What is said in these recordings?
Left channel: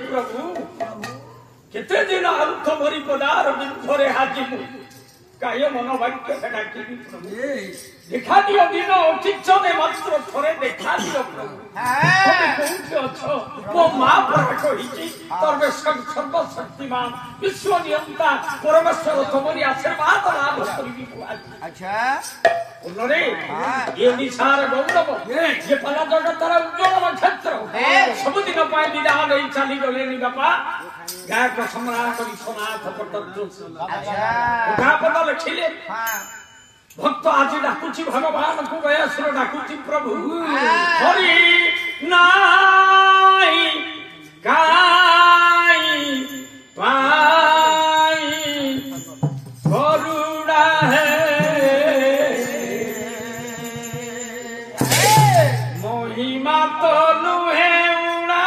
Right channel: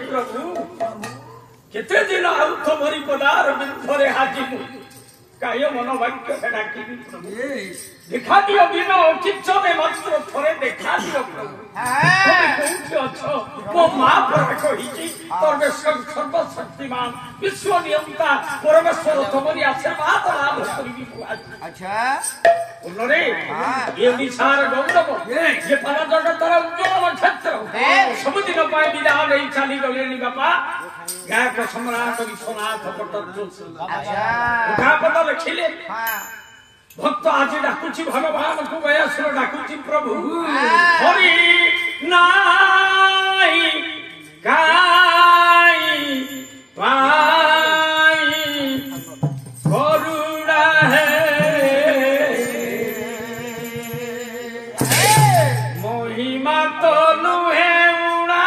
प्रभु केते दिन आउ तुमरी पदार बिंधरे हाजिमु काय मनोवाक्य डाकी प्रभु देखा दियो दिन चिच्चने मात्र थरे देखा दियो प्रभु তুমি কোনটি আছো ও মা পরা কইছি সর্বেশ্বর সর্বশক্তিমান বিশ্ব নিয়ন্তা পরমেশ্বর তোমারই আশীর্বাদ লাভ করিবি আচ্ছা উন্নরে এই ওড়িশার গৌরব যে পালা জগতর উজ্জ্বল নক্ষত্র সবদিন পাই বিদায় নেই চালি গলেনি বাপা গায়ক সম্রাট বিশ্বনাথ পট্টদ্র আচ্ছা উঠা পদ লিখিলে भक्त आज डाकुची भगवान को गयासुर डाकुची प्रभु हरि नाई काई पाई गरुड़ा है महिमा तो नुहे उड़ा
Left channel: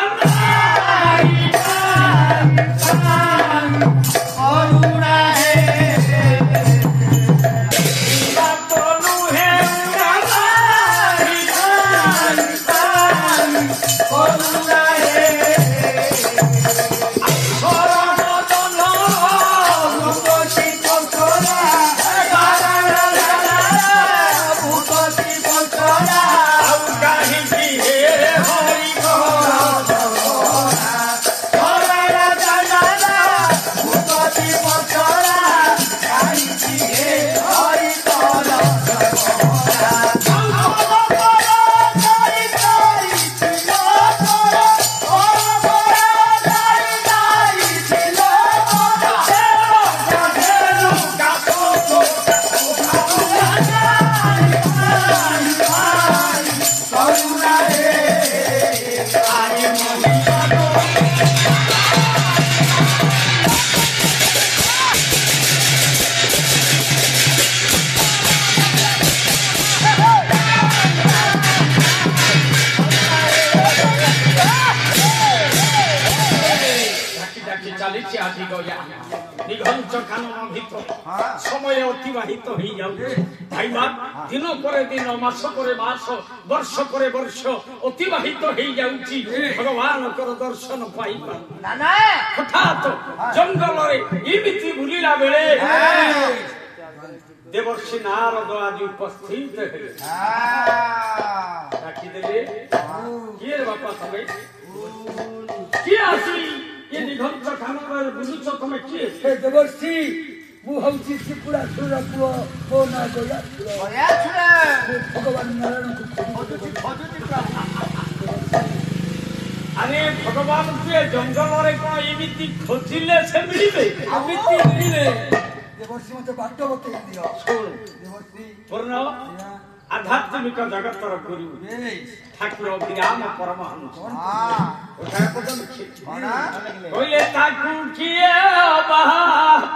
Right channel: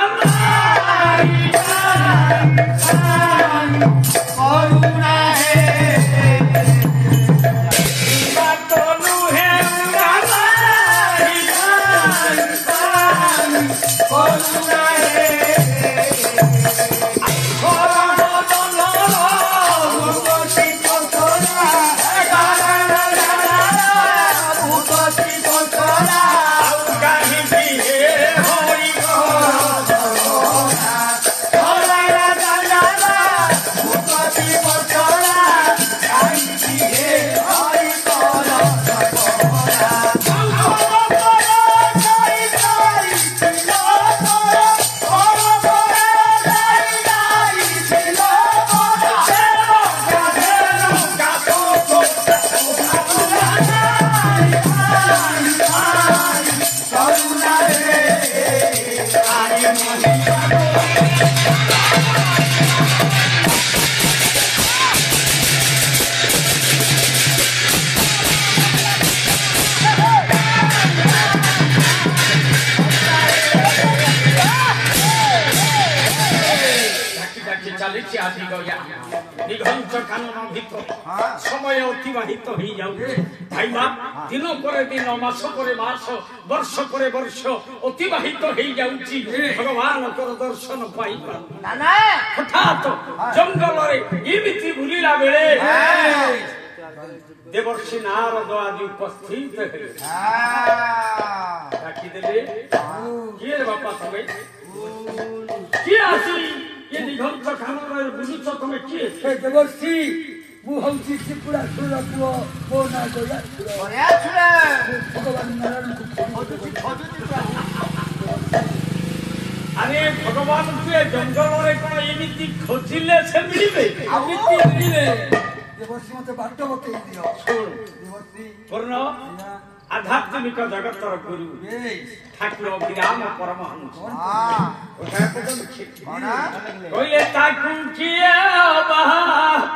गरुड़ा है समय अतिबाहित हो जाऊ भाई दिन पर दिन मास पर मास वर्ष पर वर्ष अतिबाहित हो जाऊँगी भगवान दर्शन पाई हठात जंगल एमती बुलिला बेले देवर्षि नारद आज उपस्थित डाकिदेले किए बापा तमे किए आसी ये दिगंत खानर बुलुच तमे किए देवर्षि मु हूँ त्रिपुरा सुर पुओ मो ना भगवान नारायण अरे भगवान तुए जंगल रे कोन एमिति खोजिले से मिलिबे एमिति मिलिले देवर्षि मते बाट बतई दियो सुन देवर्षि पूर्ण आध्यात्मिक जगतर गुरु ठाकुर विराम परमहंस कहले ताकू किए अबा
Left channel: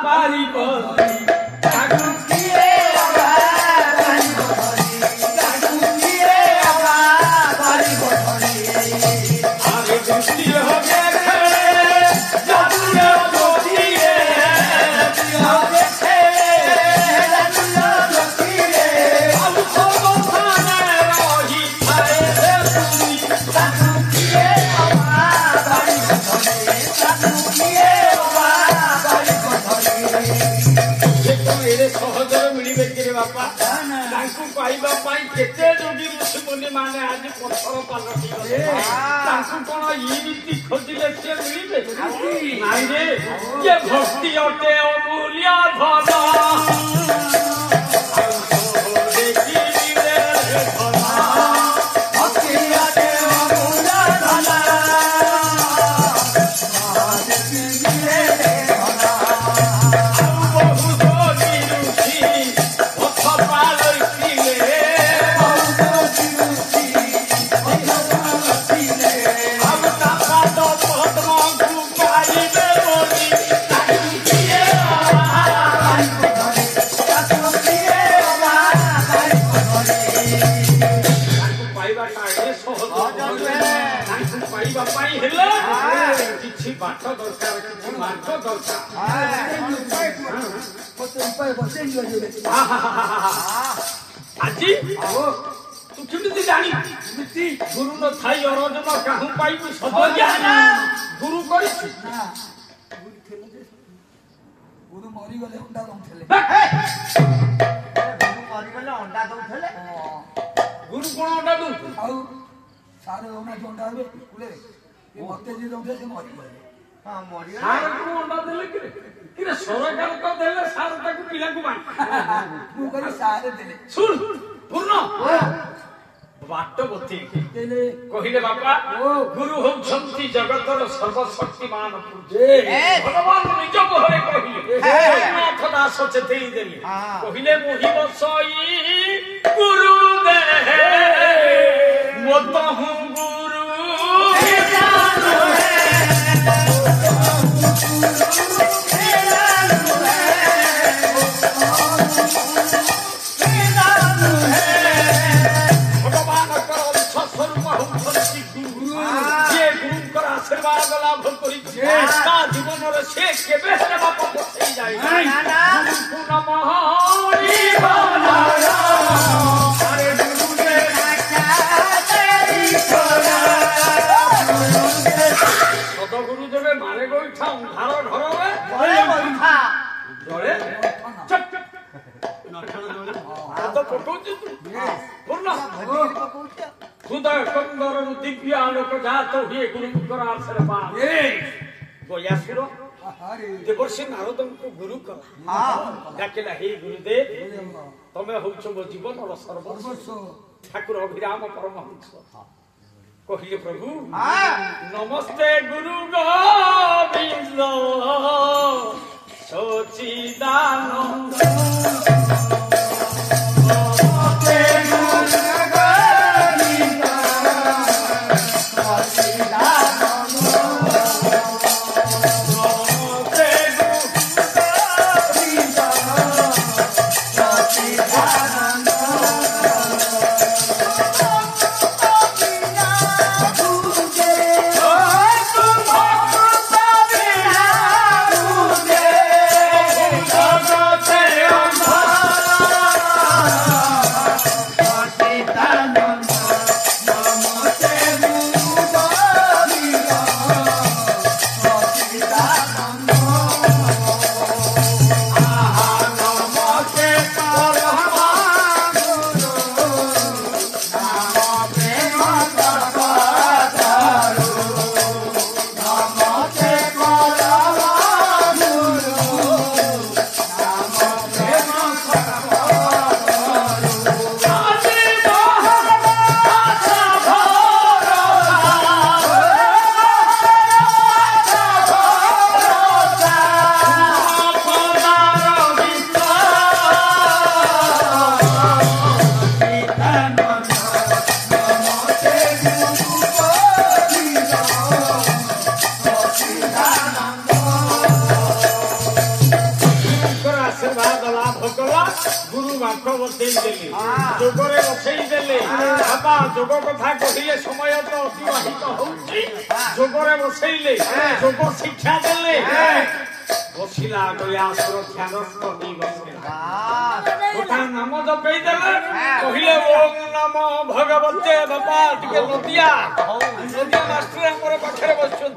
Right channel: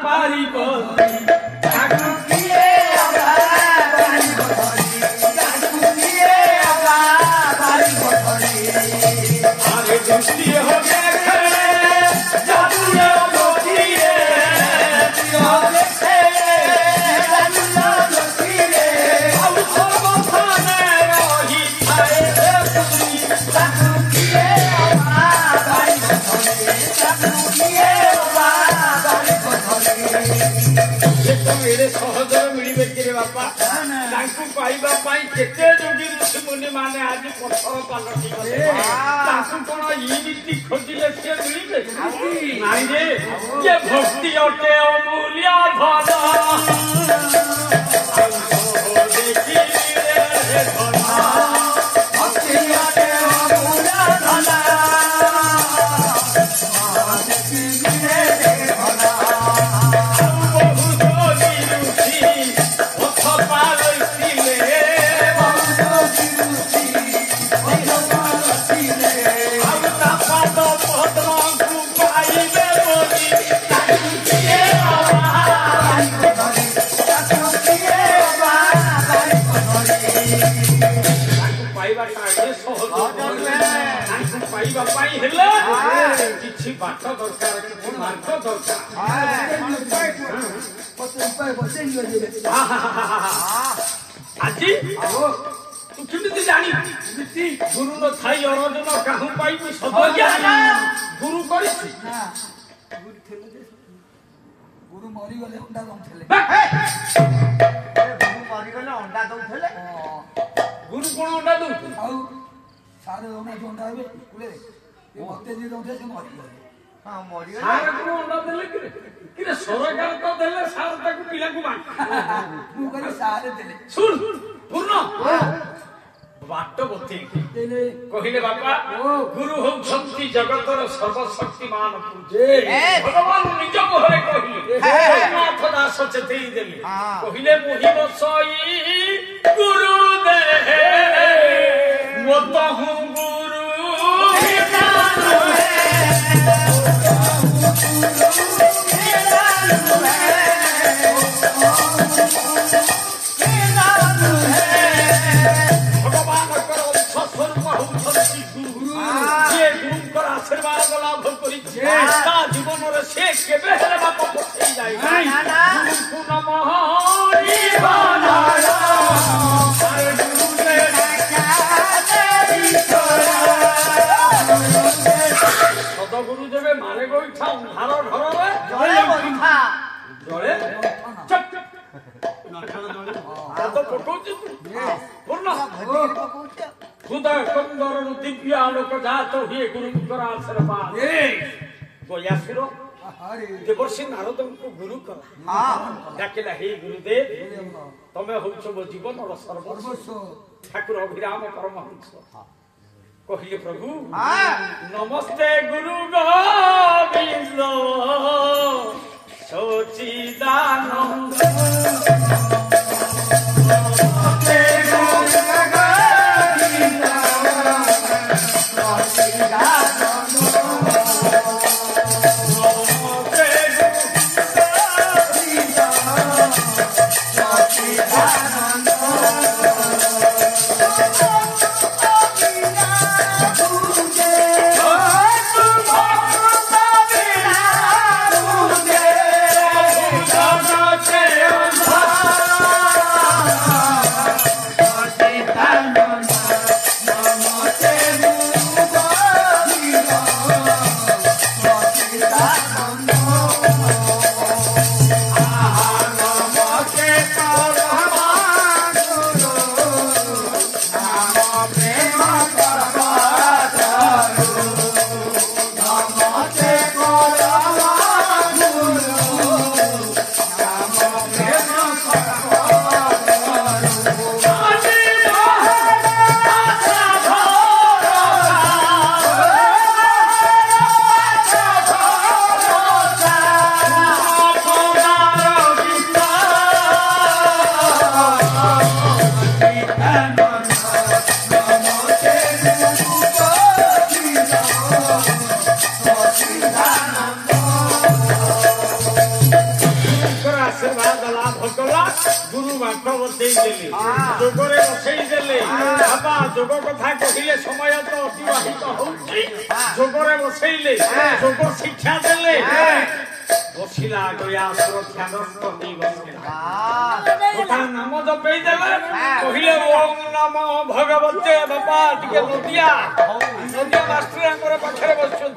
पारिब ताकू किए अबा पारिब ताकू किए अबा पारिब अरे दृष्टि हो गए जादू मोदिए हो गए सहजर मिलबे कि बापा पाइबा केते जोगी ऋषि मुनि माने आज पत्थर पालटी गले कौन इमिति खोजिले से मिलबे नाई रे ये भक्ति अटे अमूल्य धन बाट दरकार कि मार्ग दरकार आज तू କେମିତି ଜାଣିବି ଗୁରୁ ନ ଥାଇ ଅରଜନ କାହୁଁ ପାଇବି ସଦଜ୍ଞା ଗୁରୁ କରିଛି ଗୁରୁ ମରିଗଲେ ଅଣ୍ଡା ଦଉଥିଲେ ଗୁରୁ କଣ ଅଣ୍ଡା ଦଉଥିଲେ ଆଉ ସାରେ ଦଉନାହାନ୍ତି ଅଣ୍ଡା ହେବେ ସ୍କୁଲରେ ମତେ ଯିଏ ଦଉଥିଲେ ସେ ମରିଗଲେ ସାର୍ କଣ ଅଣ୍ଡା ଦେଲେ କିରେ ସରକାର ତ ଦେଲେ ସାର୍ ତାକୁ ପିଲାକୁ ବାଣ୍ଟ ମୁଁ କହିଲି ସାରେ ଦେଲେ ଶୁଣ ପୂର୍ଣ୍ଣ ବାଟ ବତେଇ କହିଲେ ବାପା ଗୁରୁ ହଉଛନ୍ତି ଜଗତର ସର୍ବଶକ୍ତିମାନ ଭଗବାନ ନିଜ ମୁହଁରେ କହିଲେ ନାଥ ଦାସ ଚେତେଇ ଦେଲେ କହିଲେ ମୋହି ବସଇ ଗୁରୁ ଦେ ମତ ହୁଁ ଗୁରୁ आशीर्वाद लाभ कर जीवन से केवे बाप पठे जाए सदगुरुदेव मारे गोईठा अंधार घर तो पकाऊ पूर्ण हृदय कंदर दिव्य आलोक जात हुए गुरुंकर आशीर्वाद गयासुर देवर्षि नारद को गुरु कर डाकिला हे गुरुदेव तमे होछ मो जीवन सर्वस्व ठाकुर अभिराम परमहंस कहले प्रभु नमस्ते गुरु गोविंद सच्चिदानंद जोगरे बसई देले बाबा जोग कथा कहले समय तो अतिवाहित होउछि जोगरे बसईले जोग शिक्षा देले बसिला गया सुरक्षा नष्ट नहीं बसिला गोटा नाम जपई देले कहले ओम नमो भगवते बाबा टिके नदिया मास्टर हमर पाखरे बसछन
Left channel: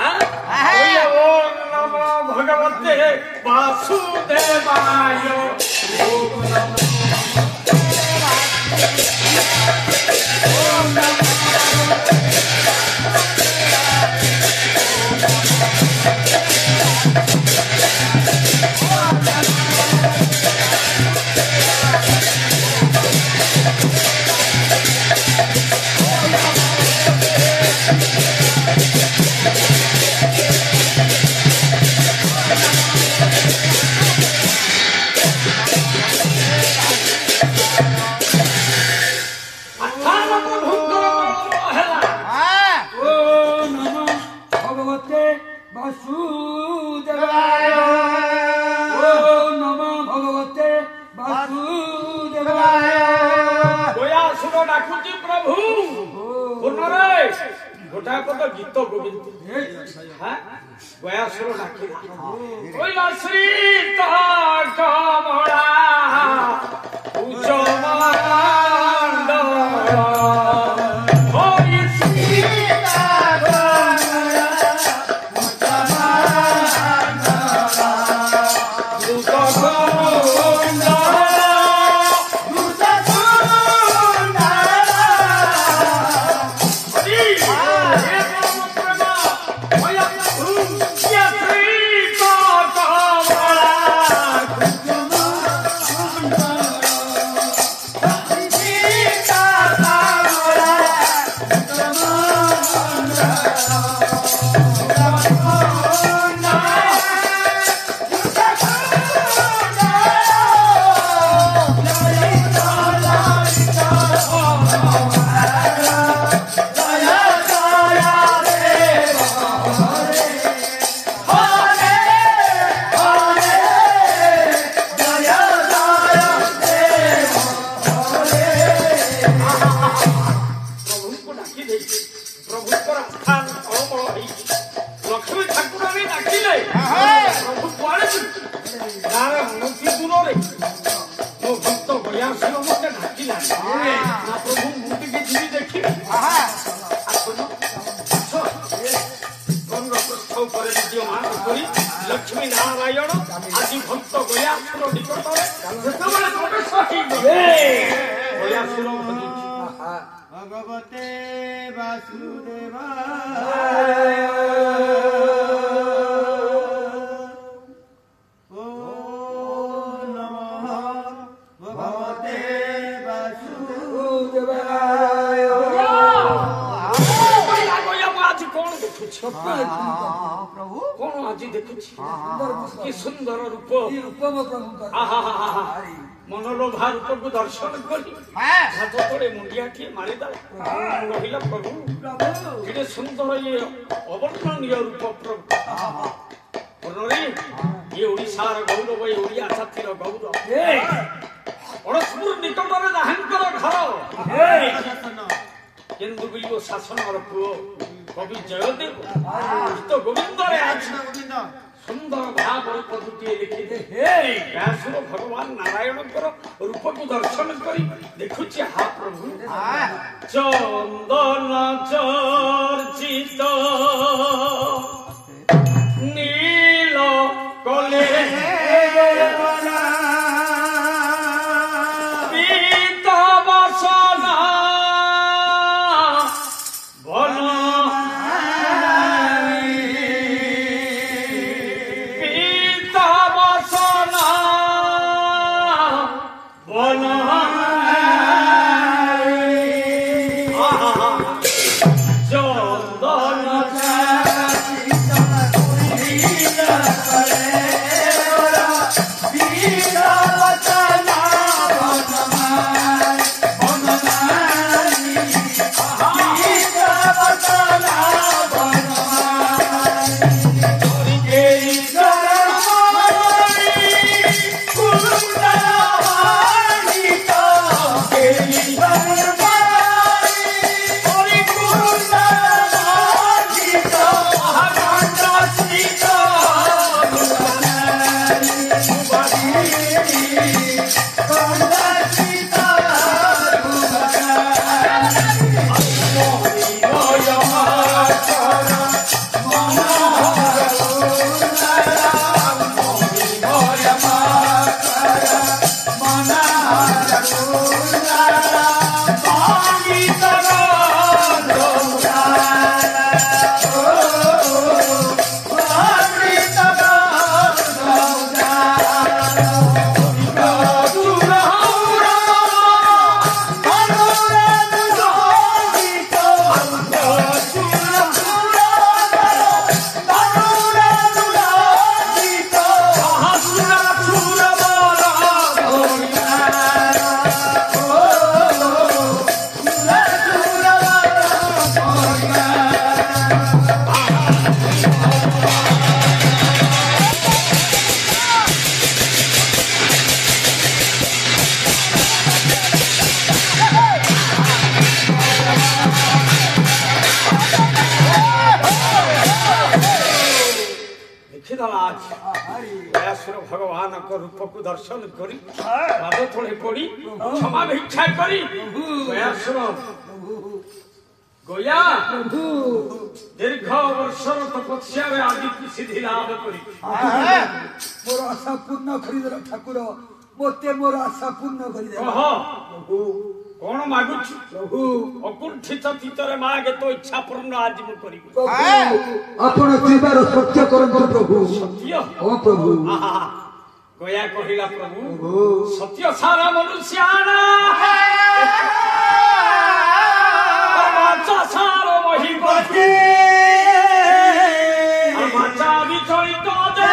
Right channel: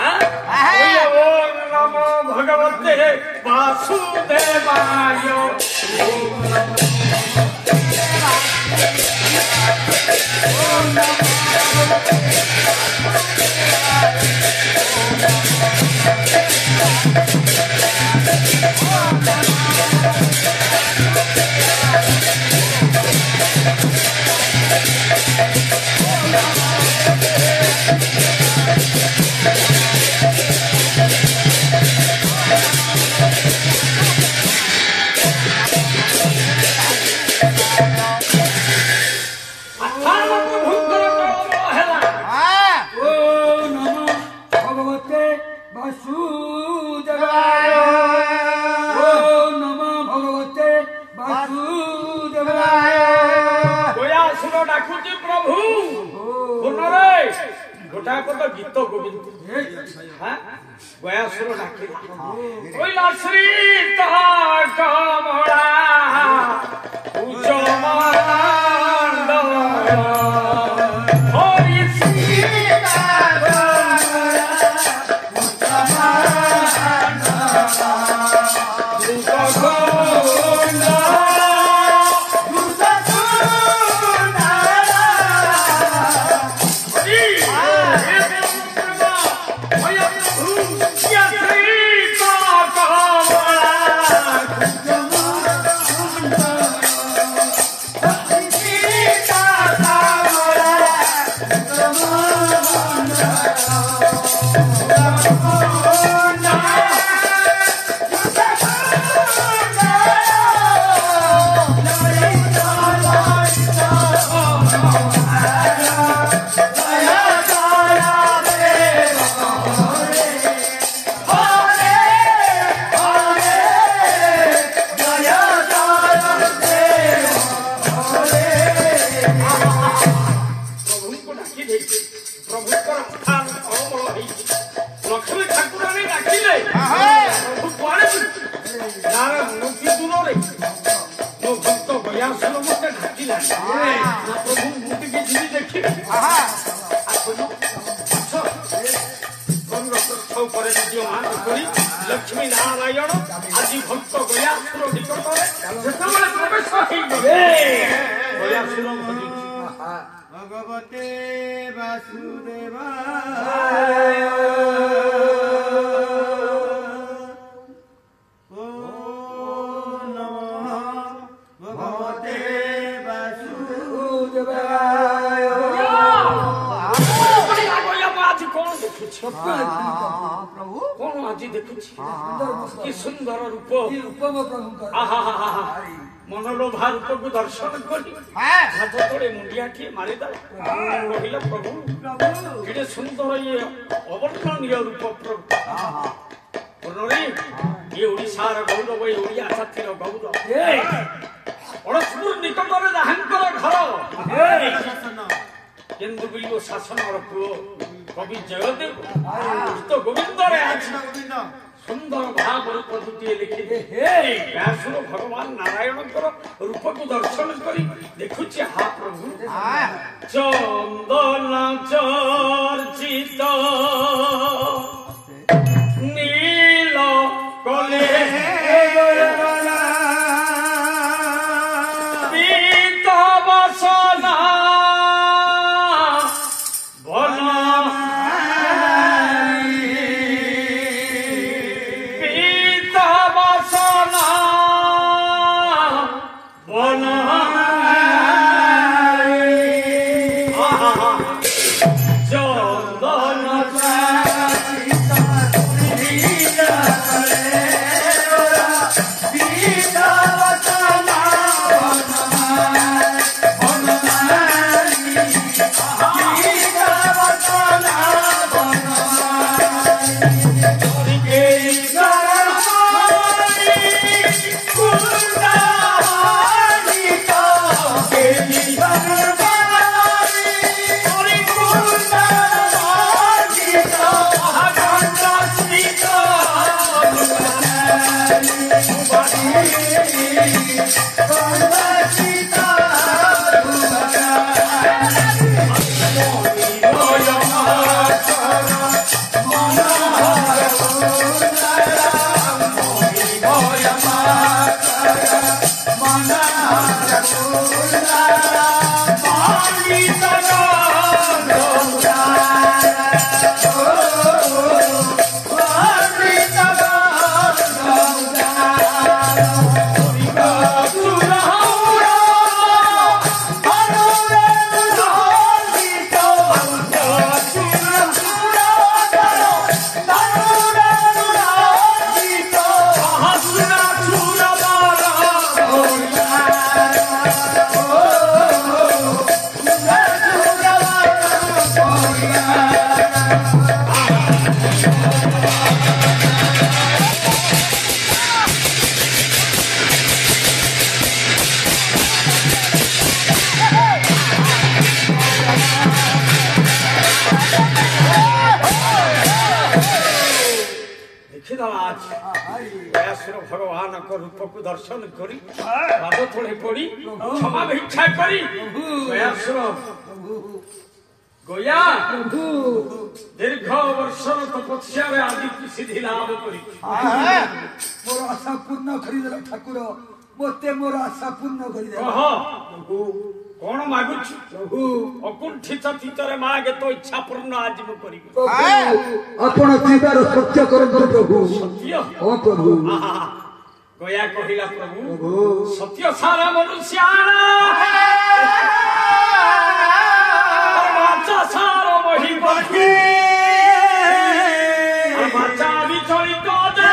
हां कहले ओम नमो भगवते वासुदेवाय ओम नमो गीत गोविंद गयासुर डाकिला कोइला श्री कमला उच्च मंडल लक्ष्मी नारायण आदि भक्त गयासुर निकटरे जेतेबेले प्रवेश होइगले गयासुर भगवते वासुदेवाय ओ नमः भगवते वासुदेवाय आज कौन देखुछि कौन आज देखुछि कि सुंदर रूप मनोलोभा रूप को दर्शन करी हाथ तले मुंडिया किए मारिदेला कहला प्रभु एटे सुंदर ये अवर्णनीय रूप प्रभु ये ओडिशार गौरव ये ओडिया जातिर गौरव अड़सपुर निकटर जहांकर घर केन्दुबिल्लो शासनर पुओ कवि जयदेव गीत गोविंद सुंदर भाव पद्धति लिखिले व्यासुर भगवान नारायण रूप को दर्शन करी देखुची हा प्रभु चंदन चर्चित नील कले पीता बसना देवा अछि व्यासुर भगवान को रूप को दर्शन करी पाद तले पड़ी क्षमा भिक्षा करी व्यासुर गोया दीर्घ वर्षर तपस्या आदि की सिद्धि लाभ करी मोर आशा पूर्ण करिदेल ठाकुर मते मोर आशा पूर्ण करिदेल कौन मागुछ प्रभु अकुंठित चित्तरे मागे तो इच्छा पूर्ण आज मु करी आपण जीवार सत्य करंतु प्रभु सत्य ओ प्रभु गोया कहिला प्रभु सत्य सारा मनुष्याना बाचा सारो मही पति बाचा विचलित दे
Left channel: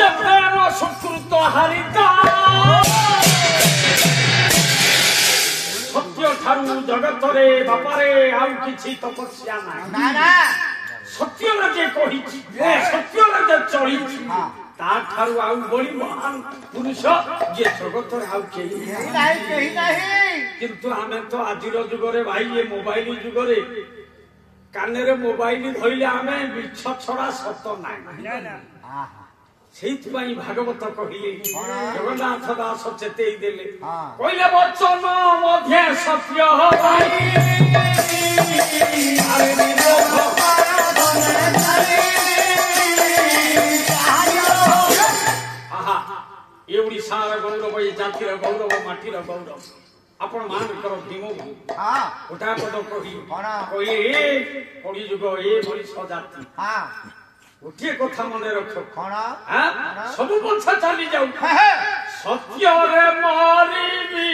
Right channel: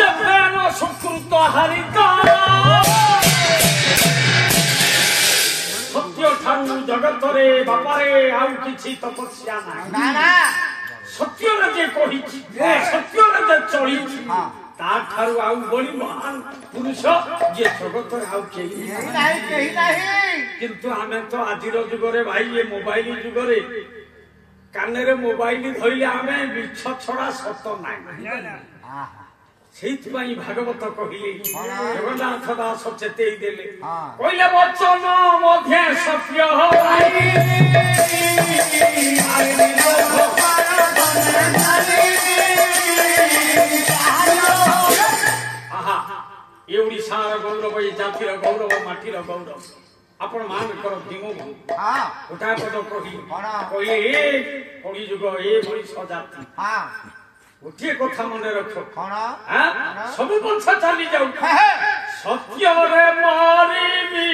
ये प्रेम सुकृत हरिता सत्य ठारू जगत रे बापारे आउ किछि तपस्या ना सत्य रे जे कहि सत्य रे जे चली ता ठारू आउ बड़ी महान पुरुष जे जगत रे आउ केही नाही किंतु आमे तो आजिर जुग रे भाई ये मोबाइल जुग रे काने रे मोबाइल धइले आमे बिछ छडा सत नाही সেইপাই ভাগবত কহিলে জগন্নাথ দাস চেতেই দেলে কইলে বচন মধ্যে সত্য হবাই আহা এ ওড়িশার গৌরব এই জাতির গৌরব মাটির গৌরব আপন ମାନଙ୍କର ଭୀମ ଗୋଟା ପଦ କହି କହିଲେ କଳି ଯୁଗ ଏ ମଣିଷ ଜାତି ଗୋଟିଏ କଥା ମନେ ରଖ ସବୁ ବଂଶ ଚାଲି ଯାଉ ସତ୍ୟରେ ମରିବି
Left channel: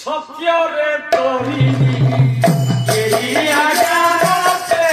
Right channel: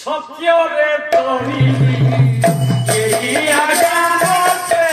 ସତ୍ୟରେ ତରିବି ଏହି ଆଜ୍ଞା ମତେ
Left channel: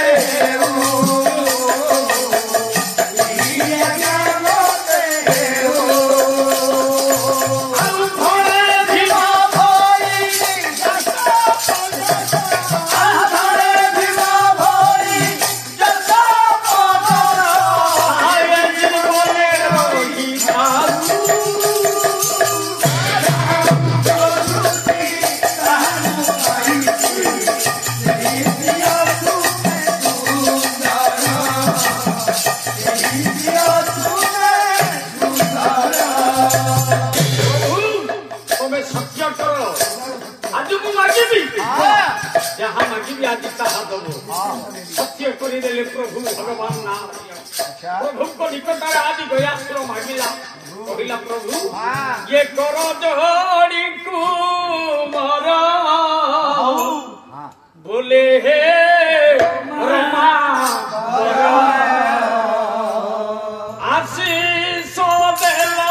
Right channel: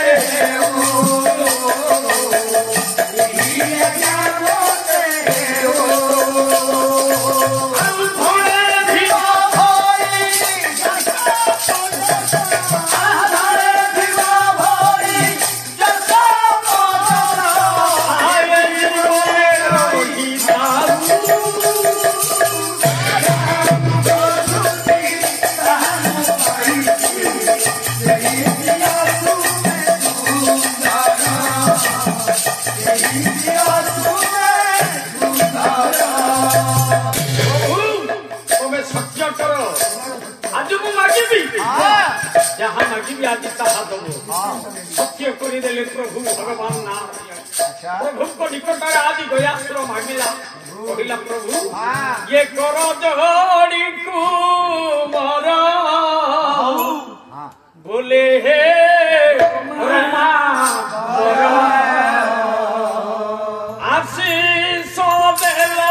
जहाँ मागिबी आज ताहा दबो सत्य करिदेले प्रभु भगवान नाम प्रभु को निकट आदि गयासुर मागिला कहिला प्रभु ये कर जोड़ी कुमार बोले हे रमा आशीष देलो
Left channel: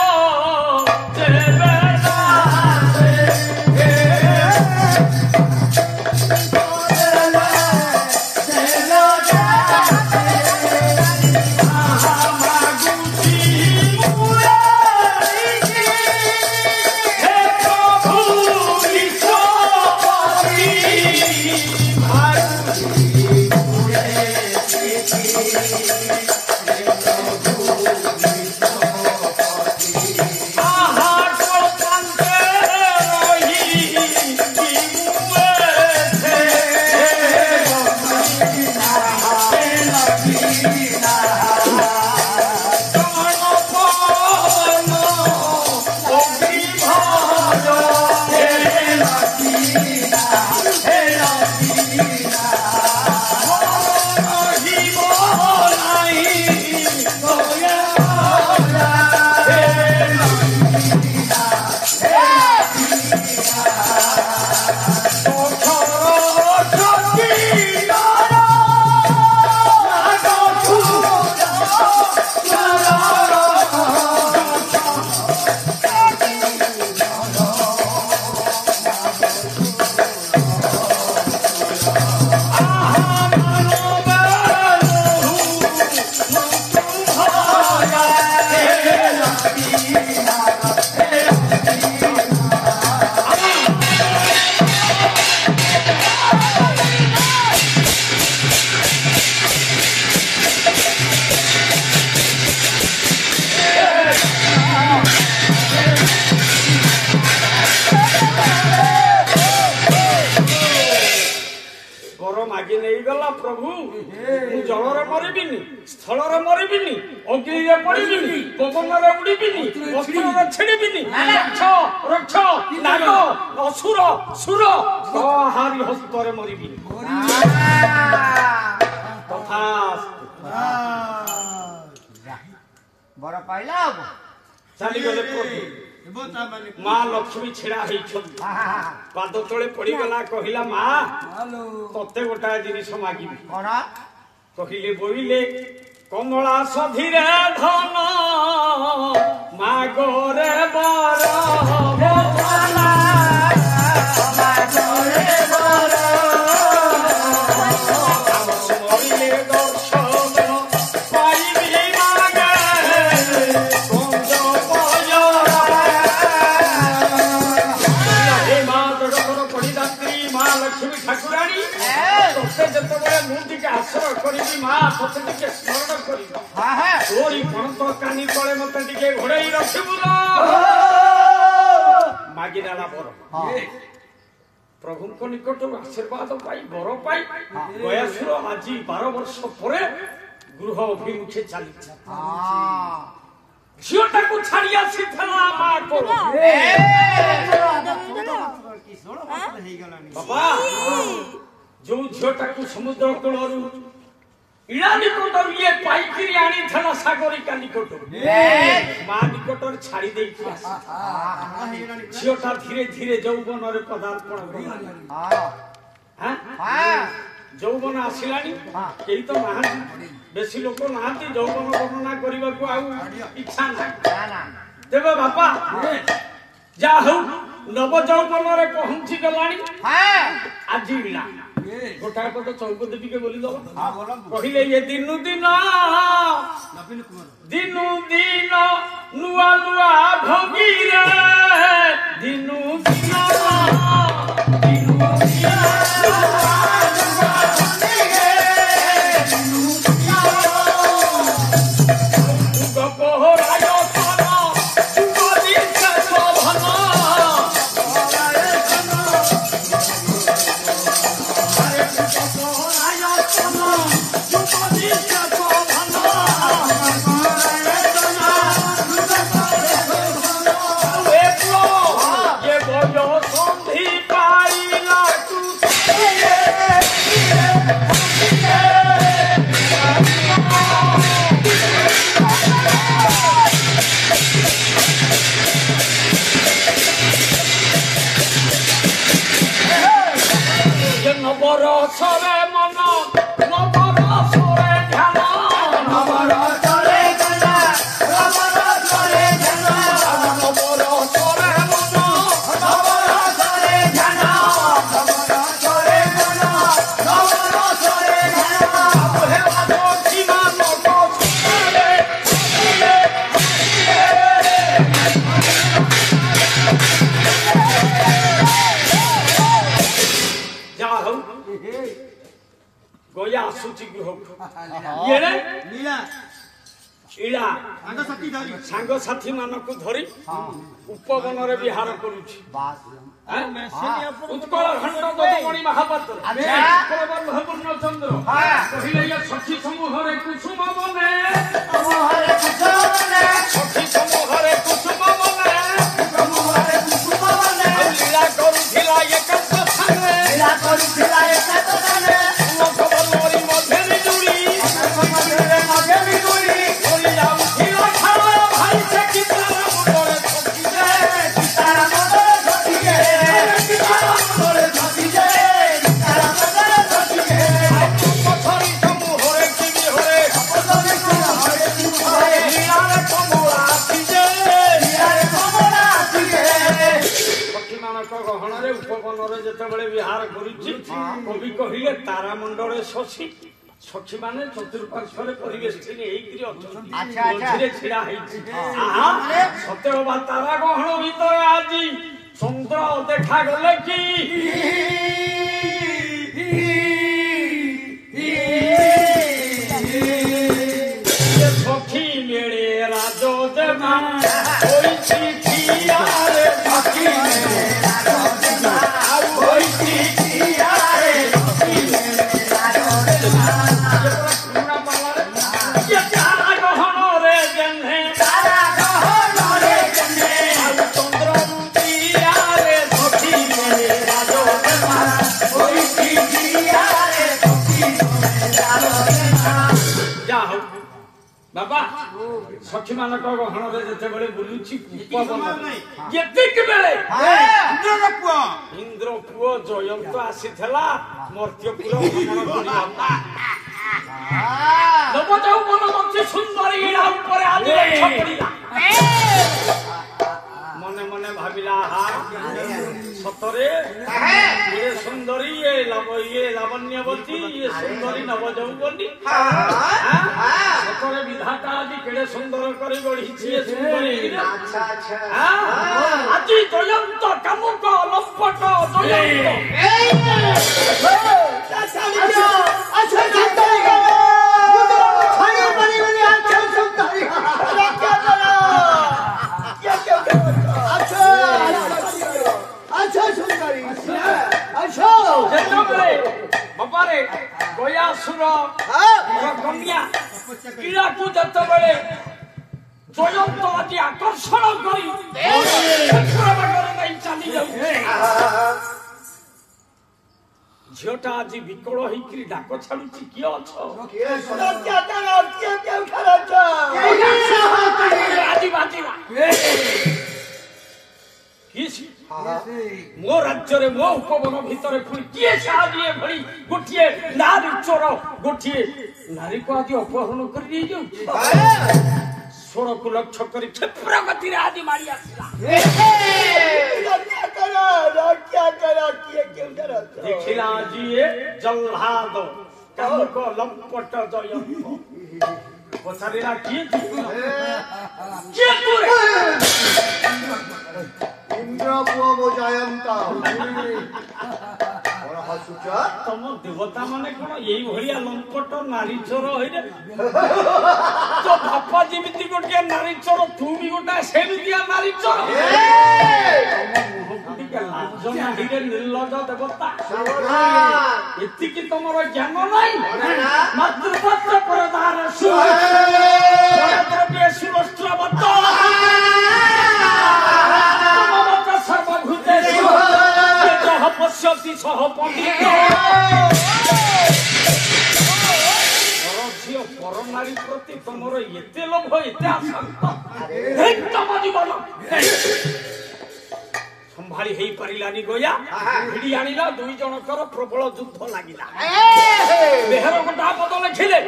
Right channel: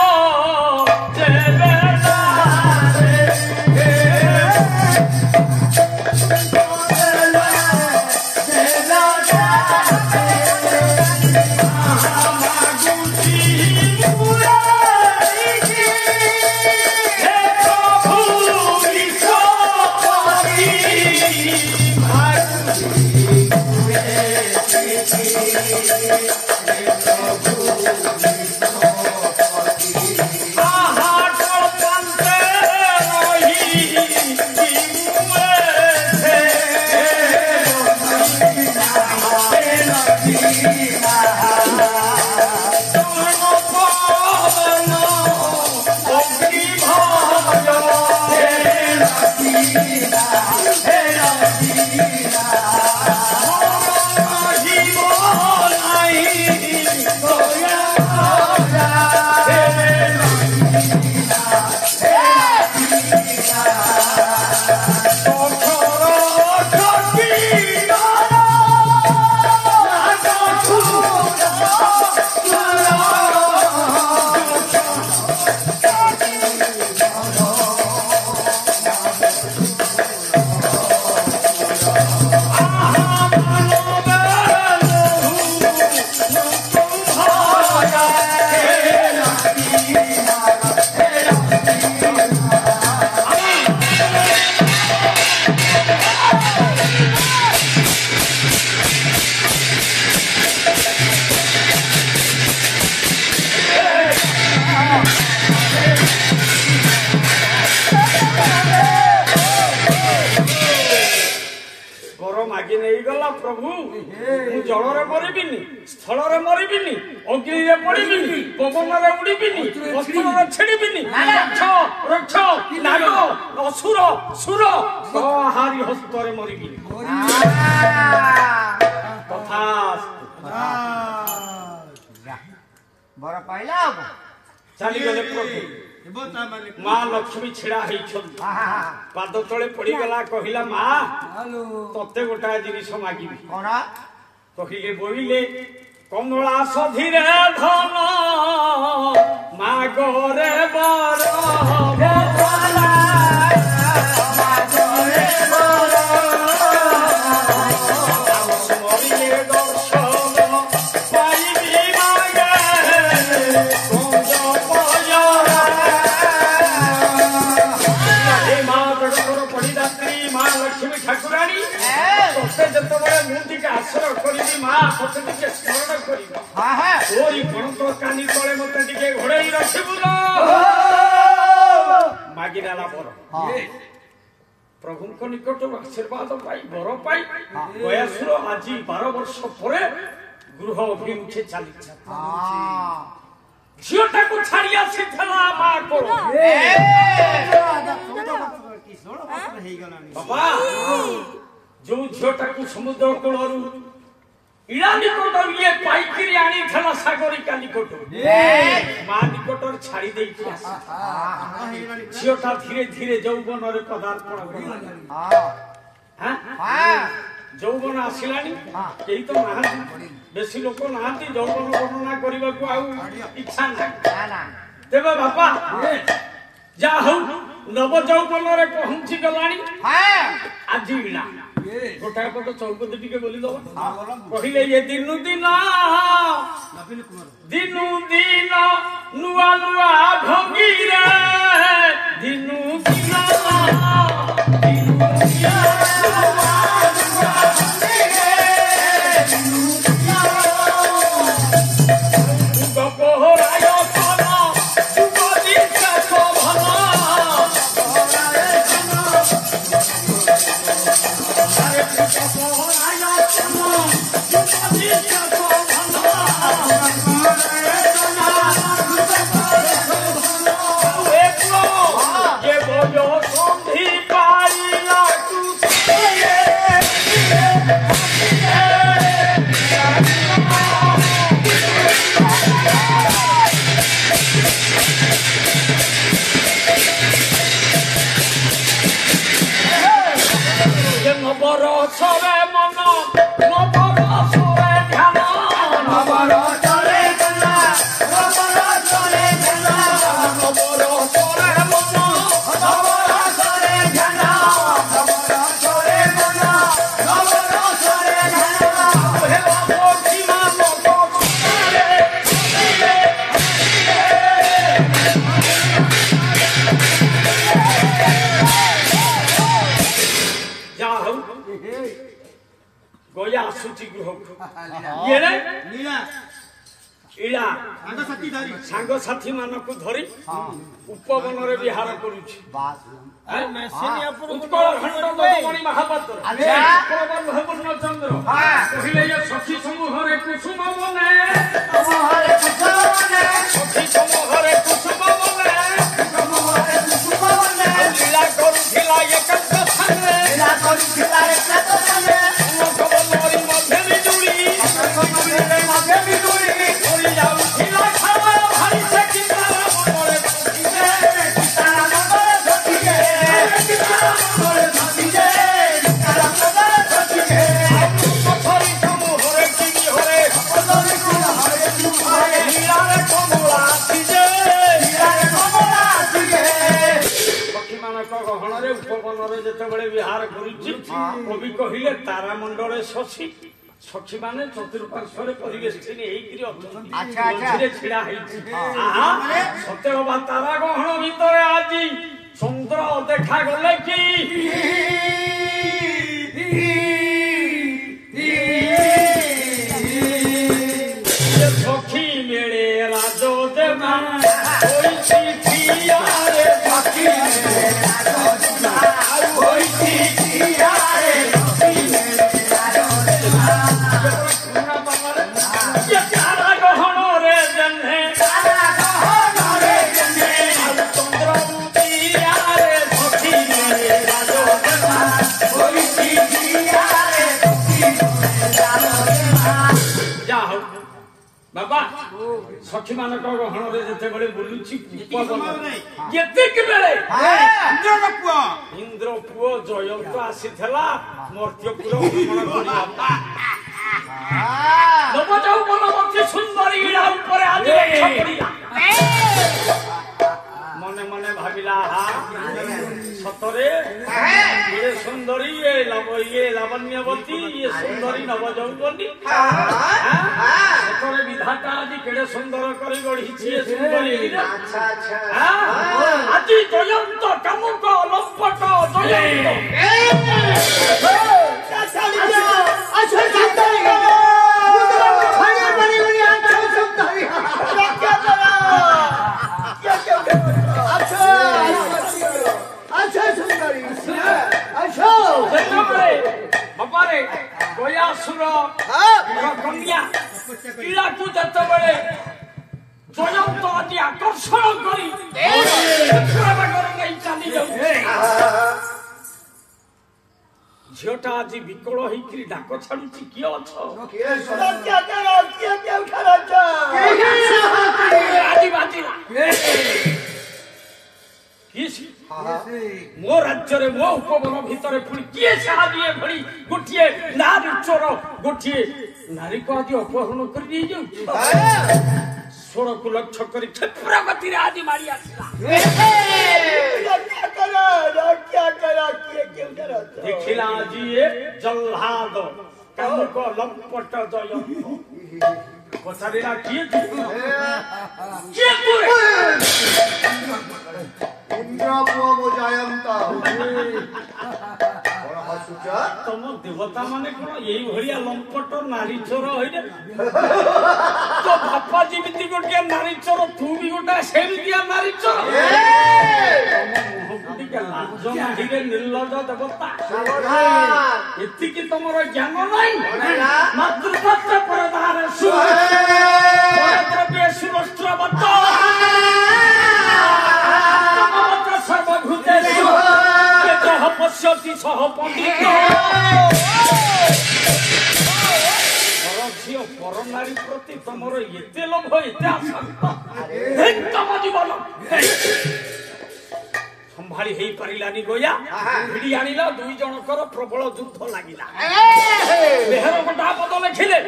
वर मागि नहीं गला प्रभु मु जल मरबिनी स्थल मरबिनी अग्नि पड़बिनी पवन उड़बिनी वस्त्र छेड़बिनी रक्ष रक्ष नाग असुर सुर हारी हस्तरे मरबिनी तथा बर पाइला चली गले प्रभु माँ लक्ष्मी छिड़ा पाद तले पड़गला कहला माँ तते गोटा जिनिस मागिबी कहले बोले कमला सधीरे धन मागरे बर मरिले दर्शन पाइबी मागे कुंज माँ लक्ष्मी ठाकुराणी तोते जिते मुझे आश्रय करी माँ तोते टे स्मरण कर तोरी पणत कानी तले मत घोड़े रखबू मागिराला बर प्रभु निकट आशीर्वाद पाई बर पाई गयासुर आज 12 वर्ष पर गृह अभिमुखे चली झीटा को छाड़ी आसी माँ को बाबा जो झीटा को समुद्र कूल इड़ा निकट ये पाइकी आनी सागरिका निकट माँ निकट छाड़ी झीटा धीरे धीरे यौवन पदार्पण यौवन आसला कई तो ना बेसी लोक ना यौवन वर्णना करने को इच्छा ना तेरे बापा जा हूँ नव यौवन पहुंची गला आज इला गोटाए पट चौपदी टे बोली दब कहले ये दिनु दिन दिनु दिन नुआ नुआ भंगी रे दिनु दिन गया आसुची गृह इला सांग साथी मानक धरी उपवन विहार करुछि उत्कल खंड दमणि महापात्र पूर्ण चंद्र कहले सखी समूह कुसुम बने सखी समूह कुसुम बने लीला करुथिला एकांत संगे गहन उपवन जिते विहार करुच्ची कवि कहले तारामंडल शशि सखी माने चतुर्पार्श्वर परिवेष्टिनी छिड़ा सत्य बाबा तारा गहन भितर आज चंद्र देखा गले कि सखी मेले राजो देवा सखी ଯା ହଉ ବାବା ସଖୀ ମାନଙ୍କ ଗହଣରେ ଯେତେବେଳେ ବୁଲୁଛି ଯେତିକି ବେଳେ ଇନ୍ଦ୍ର ପୁଅ ଜୟନ୍ତ ଆସିଥିଲା ମର୍ତ୍ତ୍ୟପୁର ଭ୍ରମଣ କରିବା ନବଯୌବନ ମନ୍ତ୍ରୀ ସୁନ୍ଦରୀ ଇଳା ଉପରେ ଆଜି ଲେଖା ପଡ଼ିଲା ମନେ ମନେ ଭାବିଲା ସତରେ ଇଏ ସୁନ୍ଦରୀ ଇଏ ଲାବଣ୍ୟବତୀ ଇଏ ସୁନ୍ଦରୀ ନବଯୌବନୀ ସତରେ ବିଧାତା ଆଜି କେଡ଼େ ସୁନ୍ଦର କରି ଗଢ଼ିଛି ଏ ସୁନ୍ଦରୀ ଆଜି ଜୟନ୍ତ କାମୁକ ଲମ୍ପଟ ବାବାରେ ଗୟାସୁର କନ୍ୟା ପିଲାକୁ ଯେତେବେଳେ ଜୟନ୍ତ ଆଜି ଆକର୍ଷଣ କରି ନେଇ ଚାଲି ଯାଉଛି ଝିଅଟା ଆଜି ବିକଳ ହେଇକିରି ଡାକ ଛାଡୁଛି କିଏ ଅଛ ଆଜି ବାଜିଲା ମୋ ରାଜ୍ୟରେ ମୋ ଉପବନ ଭିତରେ ପୁଣି କିଏ ସାହାଯ୍ୟ ଭଳି ଗୋଟିଏ ନାରୀ ଚୋର ଗୋଟିଏ ନାରୀକୁ ଆଜି ଅପହରଣ କରି ନେଇଯାଉଛି ସ୍ୱରକୁ ଲକ୍ଷ୍ୟ କରି କ୍ଷିପ୍ର ଗତିରେ ଆଜି ମାରି ଆସିଲା ଦେଖିଲା ଆଜି ଏ ଜହ୍ଲାଦ କାମୁକ ଲମ୍ପଟ ଜୟନ୍ତ ପଚାରିଲା କିଏ ଇନ୍ଦ୍ର ପୁଅ ମୋ ଜୟନ୍ତ ତମ ଦେବତା ମାନେ କଣ ଏଇଭଳିଆ ଲମ୍ପଟ ନାରୀ ଚୋର ହଇରେ ତୋ ବାପା ଯେମିତି ଗୋଟିଏ ନାରୀ ଚୋର ତୁ ବି ଗୋଟା ସେମିତିଆ ନାରୀ ଚୋର ତମ ମୁହଁକୁ ଟିକେ ଲାଜ ନାହିଁରେ ନିର୍ଲଜ ଦେବତା ଏତିକି ତମର ଜ୍ଞାନ ନାହିଁ ମାତୃପତ୍ର ପରଦାର ଦ୍ରବ୍ୟ ସୁରସ୍ତ୍ରବତ ସର୍ବଭୂତେଷୁ ଯତଃ ପଶ୍ୟତି ସହ ପଣ୍ଡିତ ଝିଅ ପର ନାରୀ ପ୍ରତି ତମର ଏତେ ଲୋଭ ଏତେ ଆସକ୍ତ ତମ ଜୀବନ ସମ୍ଭାଳି ହେଇପାରିଲାନି ଗୟା ଭିଡ଼ି ଆଣିଲା ଦୁଇ ଜଣଙ୍କର ପ୍ରବଳ ଯୁଦ୍ଧ ଲାଗିଲା ବେହେର ଗୋଟା ପଦ ଲେଖିଲେ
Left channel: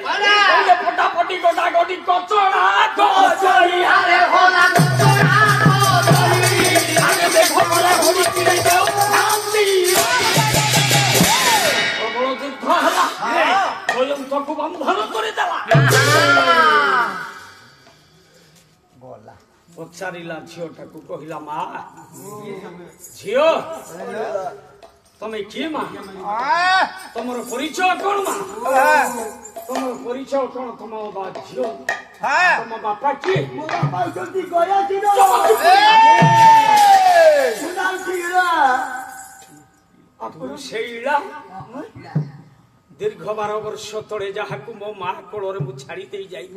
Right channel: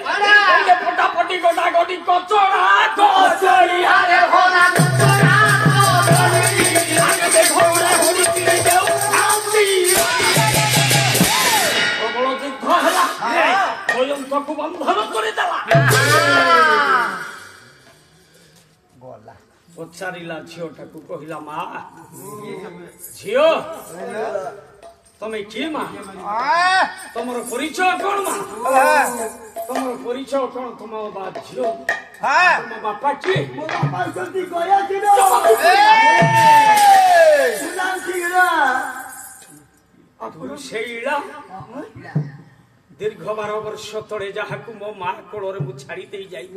ପଟାପଟି ଗୋଟା ଗଟି କଚଡ଼ା ପ୍ରବଳ ଯୁଦ୍ଧ ହେଲା ଜୟନ୍ତକୁ ବନ୍ଧନ କରିଦେଲା ପଚାରିଲା ଝିଅଟାକୁ କହିଲା ମା ଝିଅ ତମେ କିଏ ମା ତମର ପରିଚୟ କଣ ମା ତମର ପରିଚୟ କଣ ତମ ଝିଅ ତମ ବାପା କିଏ ସେଇଲା ଦୀର୍ଘ 12 ବର୍ଷ ତଳେ ଯାହାକୁ ମୋ ମା କୋଳରେ ମୁଁ ଛାଡ଼ି ଦେଇ ଯାଇ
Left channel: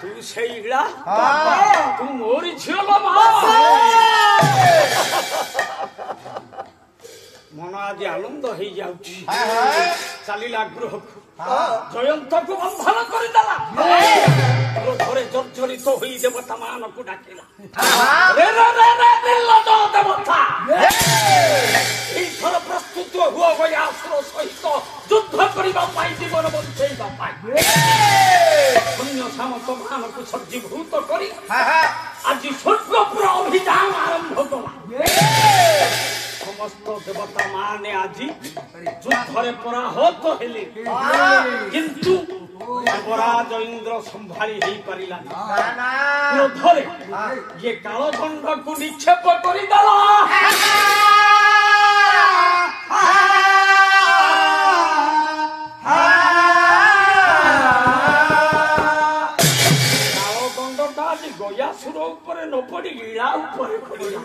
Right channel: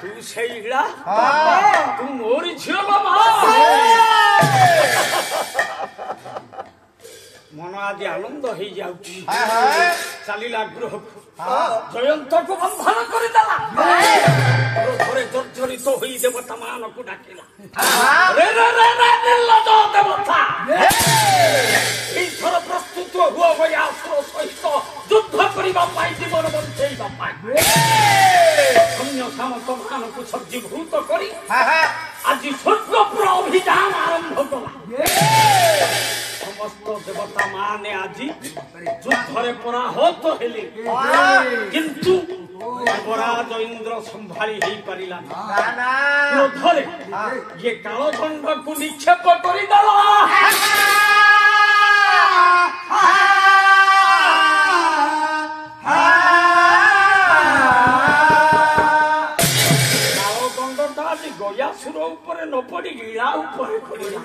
ତୁ ସେଇଲା ତୁ ମୋରି ଝିଅ ମା ମନ ଆଜି ଆନନ୍ଦ ହେଇଯାଉଛି ଚାଲିଲା ଗୃହକୁ ଜୟନ୍ତକୁ ବନ୍ଧନ କରିଦେଲା କ୍ରୋଧରେ ଜର୍ଜରିତ ହୋଇ ଦେବତା ମାନଙ୍କୁ ଡାକିଲା ଦେବତା ଏଇଥର ପ୍ରସ୍ତୁତ ହୁଅ ଗୟାସୁର ସହିତ ଯୁଦ୍ଧ କରିବା ପାଇଁ ଜୀବନ ବଞ୍ଚେଇବା ପାଇଁ ସୈନ୍ୟ ସାମନ୍ତ ମାନଙ୍କୁ ସଜ୍ଜୀଭୂତ କରି ଆଜି ସ୍ୱର୍ଗପୁର ଅଭିଯାନ ଆରମ୍ଭ କଲା ସମସ୍ତ ଦେବତା ମାନେ ଆଜି ଯୁଦ୍ଧରେ ପରାହତ ହେଲେ କିନ୍ତୁ ଦେବରାଜ ଇନ୍ଦ୍ର ସମ୍ଭାଳି ହେଇପାରିଲା କ୍ରୋଧରେ ଇଏ କାଳଦଣ୍ଡକୁ ନିକ୍ଷେପ କରିଦେଲା କାଳଦଣ୍ଡଟା ଆଜି ଗୟାସୁର ଉପରେ ନ ପଡି ଇଳା ଉପରେ ପଡିଲା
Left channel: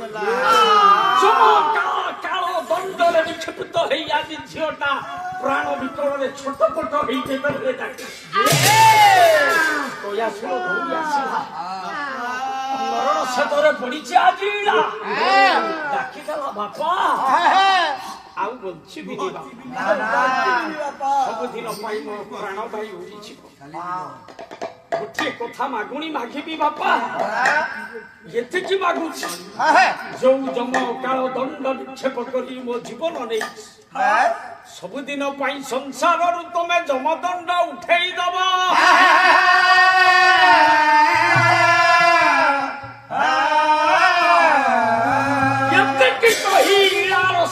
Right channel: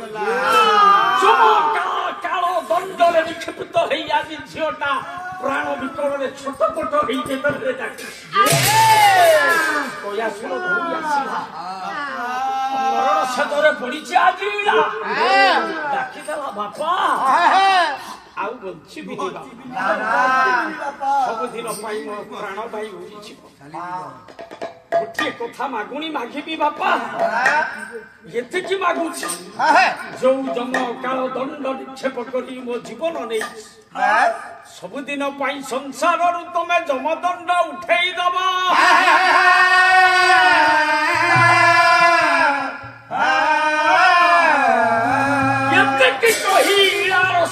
କାଳ ଦଣ୍ଡରେ ନିକ୍ଷେପିତ ହେଇ ଆଜି ଝିଅଟା ପ୍ରାଣ ବିକଳରେ ଛୋଟପଟ ହେଇ ଯେତେବେଳେ ଗୟାସୁର ଦୌଡ଼ି ଆସିଲା ମରଣ ସେତରେ ପଡିଛି ଆଜି ଡାକିଦେଲା ବାପା ଆଉ ବଞ୍ଚିବିନି ବାପା ସବୁଦିନ ପାଇଁ ମୋ ପ୍ରାଣ ଭାଇ ଉଡ଼ିଯିବ ଗୋଟିଏ କଥା ମାଗୁଣି ମାଗିବି ବାପା ଏତିକି ମାଗୁଛି ଯୋଉ ଜମ କାଳ ଦଣ୍ଡ ନିକ୍ଷେପ କରି ମୋ ଜୀବନ ନେଇଛି ସବୁଦିନ ପାଇଁ ସଂସାରରୁ ତମେ ଜମଦଣ୍ଡ ଉଠେଇ ଦବ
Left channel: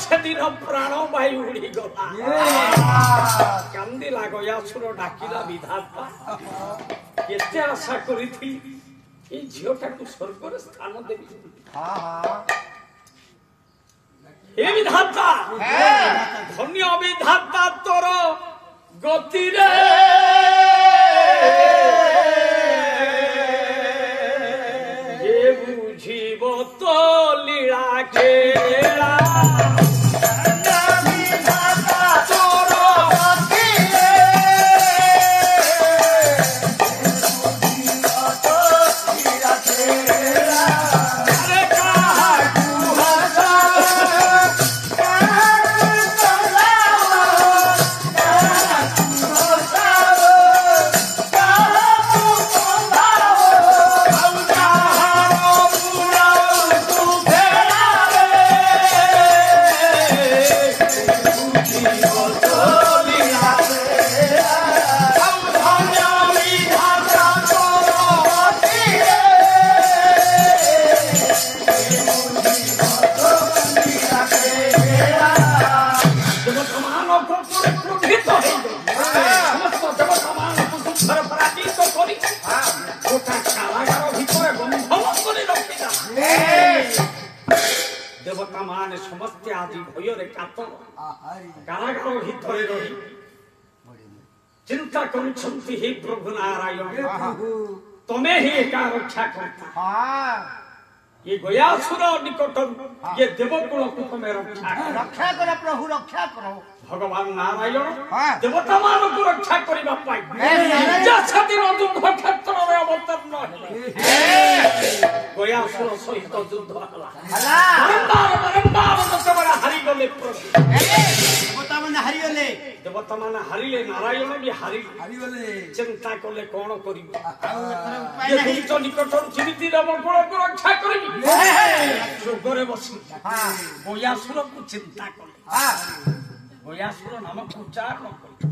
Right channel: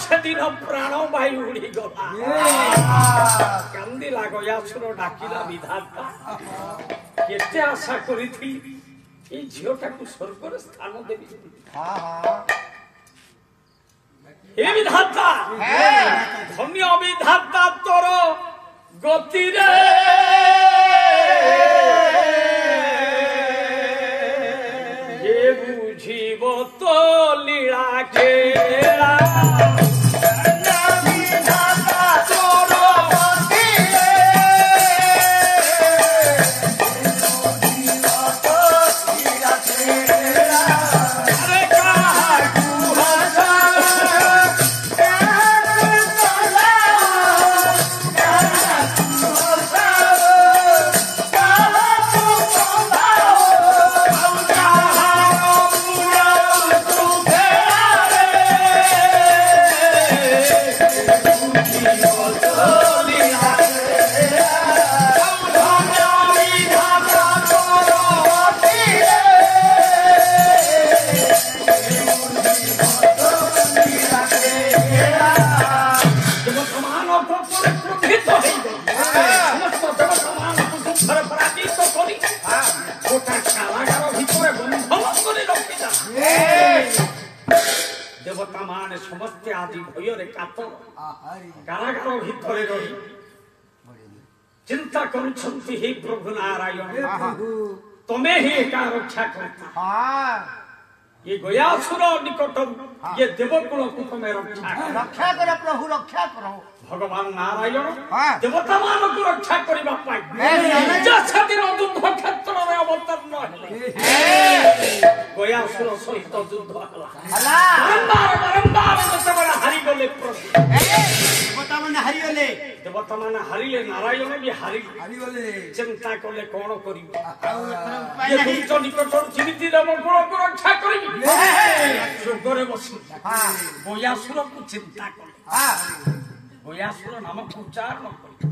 ସେଦିନ ପ୍ରାଣ ଭାଇ ଉଡ଼ିଗଲା କାନ୍ଦିଲା ଗୟାସୁର ଡାକିଲା ବିଧାତା କେତେ ଆଶା କରିଥିଲି ଏଇ ଝିଅଟାକୁ ସ୍ୱର୍ଗରେ ସ୍ଥାନ ଦେବି ହେ ବିଧାତା ଧନ୍ୟ ବିଧାତା ତୋର ଗତିରେ ଏ ବୁଝିବ ତ ଲୀଳା ଖେଳା देवता मान समस्ते आदि भयर कातर कारागार भितर रही चिंता करुछंती हे प्रभु नारायण तमे ही एका रक्षा करता ये गयासुर निकट ये देवकुल को तमे रक्षा कर प्रभु रक्षा करो भगवान नारायण देवता मान को रक्षा करबा पाई दिन युद्ध क्षेत्र में अवतरण गयासुर सहित युद्ध हला बारंबार जतबड़ा हारी गले प्रभु देवता माने हारिले नारायण भी हारी चिंता कले कौन करिबो ये दुष्ट निकट जीवित देवकुल को रक्षा करिबी जोगरे बसी गयासुर को चिंता कले गयासुर नामक उच्चारण करी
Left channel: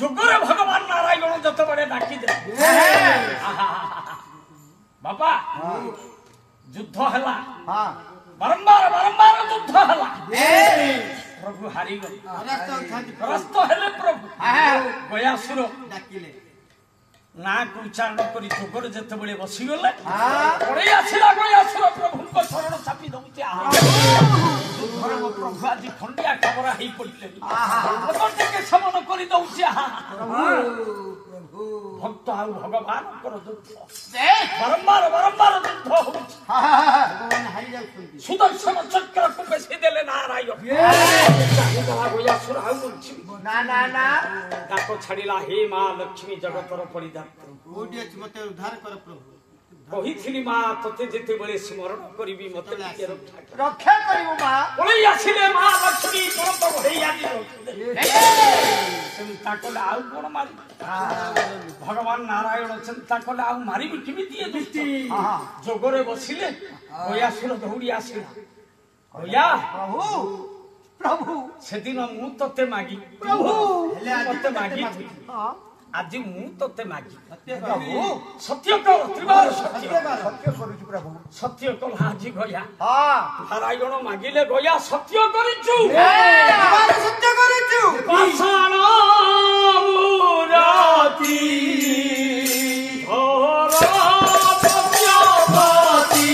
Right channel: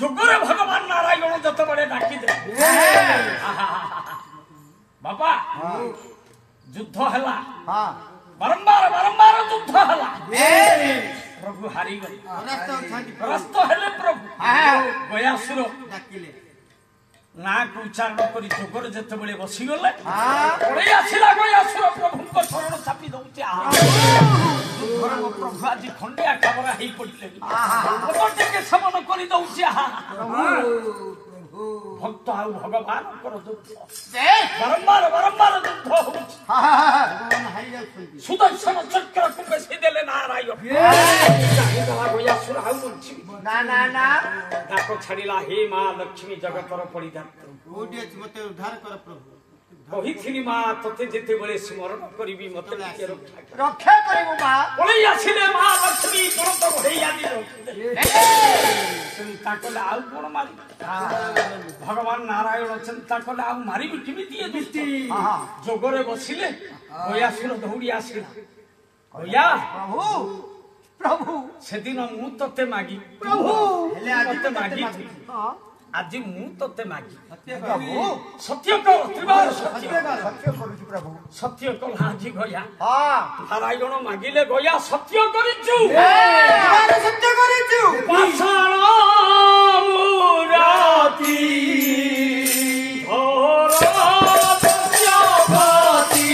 जोगरे भगवान नारायण जतबड़े डाकी दे बापा युद्ध हला बारंबार युद्ध हला प्रभु हारी गले परास्त हेले प्रभु गयासुर डाकिले ना को उच्चारण करी जोगरे जतबड़े बसी गले पड़े आसिला गयासुर प्रभु शरण सापी दउते प्रभु आज खंडिया खबर ही पड़े के समन कर दउछि भक्त आउ भगवान बारंबार युद्ध होउछि सुदर्शन चक्र को बेसी देले नारायण गयासुर आउ ना ताको छाड़िला हे मां लक्ष्मी जगतर परिधान मते उद्धार कर प्रभु कही माँ तोते जिते बड़े स्मरण करी मत रक्षा करिबो मां बोले आसिले माँ लक्ष्मी तुरंत बढ़ैया चिंता कले आउ कौन मारी भगवान नारायण चिंता कले आउ मारी किमिति दुष्ट जोगरे बसिले गयासुर दौड़ी आसिला गया प्रभु से दिन मु तोते मागी प्रभु तोते मागी आज मु तोते मागी सत्य कह त्रिबार सत्य प्रभु सत्य कह आज गया नारायण मागिले गया सत्य करिचु सत्य करिचु पाषाण मुराती घोर सत्यवती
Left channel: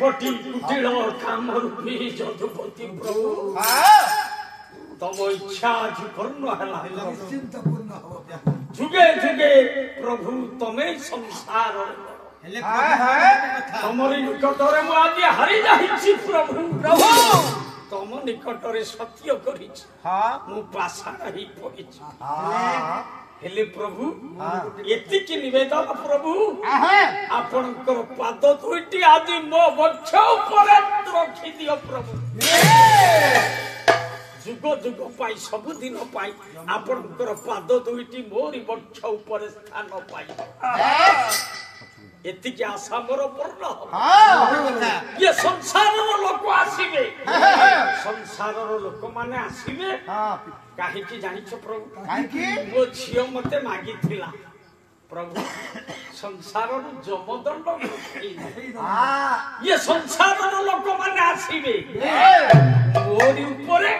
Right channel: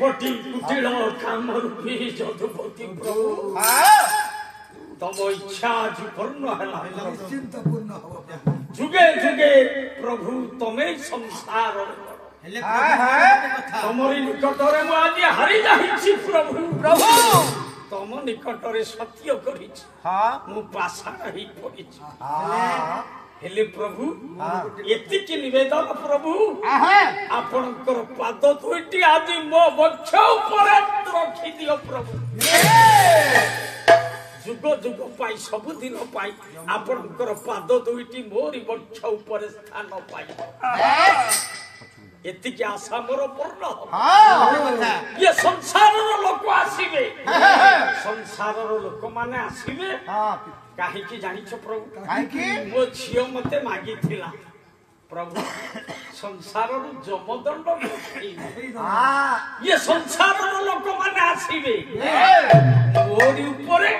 କୋଟି କୁଟିଳ କାମରୂପୀ ଯଦୁପତି ପ୍ରଭୁ ତମ ଇଚ୍ଛା ଆଜି ପୂର୍ଣ୍ଣ ହେଲା ନିଶ୍ଚିନ୍ତ ପୂର୍ଣ୍ଣ ହବ ଯୁଗେ ଯୁଗେ ପ୍ରଭୁ ତମେ ସଂସାରରେ ତମରି ନିକଟରେ ମୁଁ ଆଜି ହାରି ଯାଇଛି ପ୍ରଭୁ ତମ ନିକଟରେ ସତ୍ୟ କରିଛି ମୁଁ ପାଷାଣ ହେଇ ପଡ଼ିଛି ହେଲେ ପ୍ରଭୁ ଏତିକି ନିବେଦନ ପ୍ରଭୁ ଆପଣଙ୍କର ପାଦ ଦୁଇଟି ଆଜି ମୋ ବକ୍ଷ ଉପରେ ରଖିଦିଅ ପ୍ରଭୁ ଯୁଗ ଯୁଗ ପାଇଁ ସବୁଦିନ ପାଇଁ ଆପଣଙ୍କର ପାଦ ଦୁଇଟି ମୋରି ବକ୍ଷ ଉପରେ ସ୍ଥାନ ପାଇ ଏତିକି ଆଶା ମୋର ପୂର୍ଣ୍ଣ ଇଏ ସଂସାରର ଲୋକ ଆସିବେ ସଂସାରର ଲୋକମାନେ ଆସିବେ କାହିଁକି ଜାଣିଛ ପ୍ରଭୁ ମୋ ଝିଅ ମତେ ମାଗିଥିଲା ପ୍ରଭୁ ସଂସାରରୁ ଯମଦଣ୍ଡ ଇଏ ସଂସାରର ଲୋକମାନେ ଆସିବେ ମୋରି ଉପରେ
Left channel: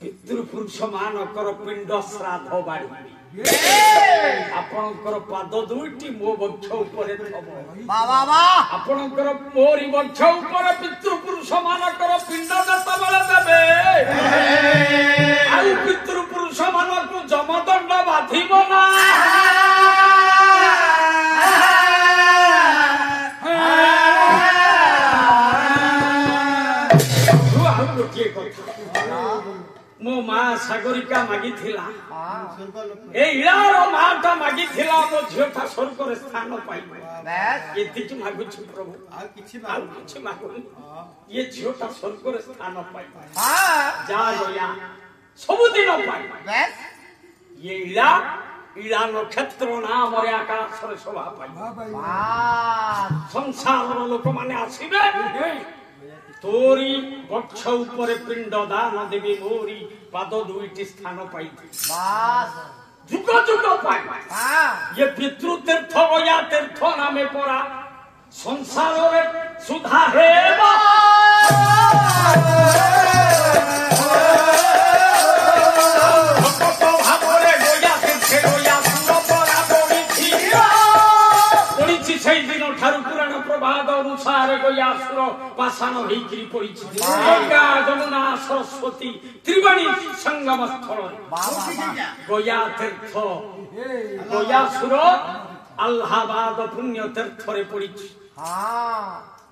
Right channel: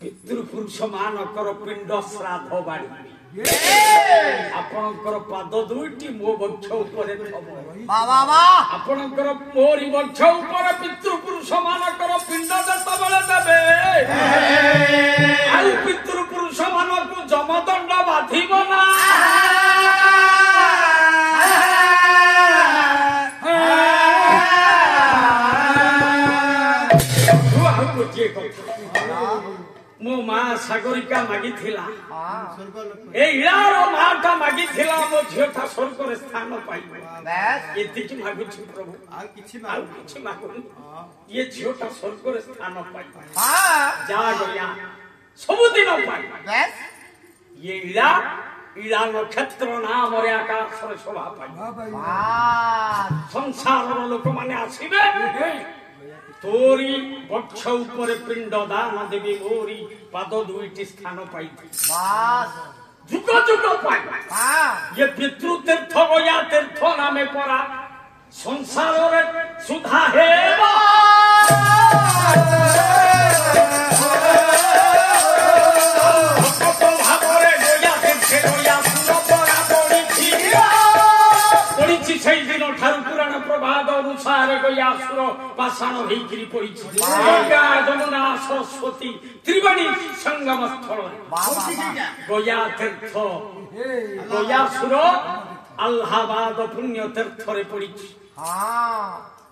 ପିତୃପୁରୁଷ ମାନଙ୍କର ପିଣ୍ଡ ଶ୍ରାଦ୍ଧ ବାଢିବେ ଆପଣଙ୍କର ପାଦ ଦୁଇଟି ମୋ ବକ୍ଷ ଉପରେ ଥବ ଆପଣଙ୍କର ମୋରି ବକ୍ଷ ଉପରେ ପିତୃପୁରୁଷ ମାନଙ୍କର ପିଣ୍ଡ ଯେତେବେଳେ ଦେବେ ଆଉ ପିତୃପୁରୁଷ ମାନଙ୍କୁ ଯମଦଣ୍ଡ ବାଧିବ ନା ଆଉ ଗୋଟିଏ କଥା ମୋ ମା ସାଗରିକା ମାଗିଥିଲା ଏ ଇଳାର ମାଟା ମାଗିଥିଲା ମୋ ଝିଅଟା ସ୍ୱର୍ଗରେ ସ୍ଥାନ ପାଇବ ଏତିକି ମାଗୁଛି ପ୍ରଭୁ ଆଉ କିଛି ମାଗୁନି ଇଏ ଝିଅଟା ସ୍ୱର୍ଗରେ ସ୍ଥାନ ପାଇବ ଯାହା ଗୟା ସବୁଦିନ ପାଇବ ଇଏ ଇଳା ଇଳା ନକ୍ଷତ୍ର ନାମରେ ଆକାଶରେ ଶୋଭା ପାଇବ ସଂସାରର ଲୋକମାନେ ଆସିବେ ତୋରି ବକ୍ଷ ଉପରେ ପିଣ୍ଡ ଦାନ ଦେବି ମୋରି ପାଦ ଦୁଇଟି ସ୍ଥାନ ପାଇଛି ଯୁଗ ଯୁଗ ପାଇ ଇଏ ପିତୃତୀର୍ଥ ଗୟା ତୀର୍ଥ ନାମେ ପରା ସଂସାରରେ ସୁଧା ହେବ ଭାବରେ ଗୟା ତୀର୍ଥେ ଗୟା ସୁର ପରା ପଡ଼ିଛି ସେଇ ଦିନ ଠାରୁ ପୁରାଣ ପ୍ରବାଦ ଅନୁସାରେ ଗୟାସୁର ପାଷାଣ ହେଇକିରି ପଡ଼ିଛି ଗଙ୍ଗା ଯମୁନା ସରସ୍ୱତୀ ତ୍ରିବେଣୀ ସଙ୍ଗମ ସ୍ଥଳରେ ଗୟା ତୀର୍ଥ ଗୟାସୁର ଆହ୍ଲାବାଦ ପୁଣ୍ୟ ତୀର୍ଥରେ ପଡ଼ିଛି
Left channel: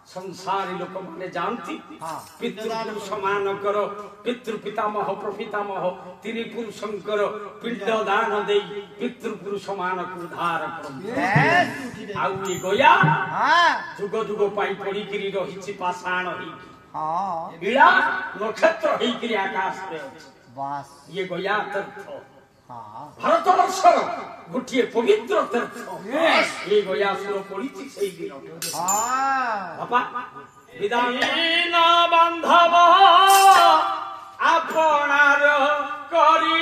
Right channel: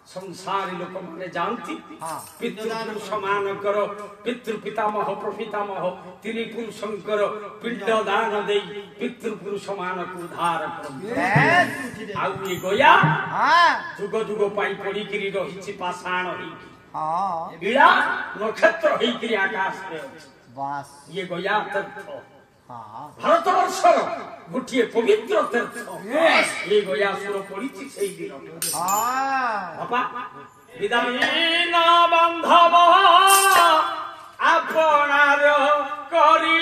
ସଂସାରୀ ଲୋକମାନେ ଯାଆନ୍ତି ପିତୃପୁରୁଷ ମାନଙ୍କର ପିତୃପିତାମହ ପ୍ରପିତାମହ ତିନି ପୁରୁଷଙ୍କର ପିଣ୍ଡ ଦାନ ଦେଇ ପିତୃପୁରୁଷ ମାନଙ୍କୁ ଉଦ୍ଧାର କରନ୍ତି ଆଉ ଏ ଗୟା ଯୁଗ ଯୁଗ ପାଇଁ ପଡିକିରି ରହିଛି ପାଷାଣ ହେଇକି ଇଳା ନକ୍ଷତ୍ର ହେଇକିରି ଆକାଶରେ ଅଛି ଇଏ ଗୟା ତୀର୍ଥ ଭାରତବର୍ଷର ଗୋଟିଏ ପବିତ୍ର ତୀର୍ଥ ଏ ଗୟାସୁର ପଡିଛି ସେଇ ଦିନ ବାପା ବିଦାୟୀନ ବାନ୍ଧବ ଆପଣାର କରି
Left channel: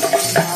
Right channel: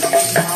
Thank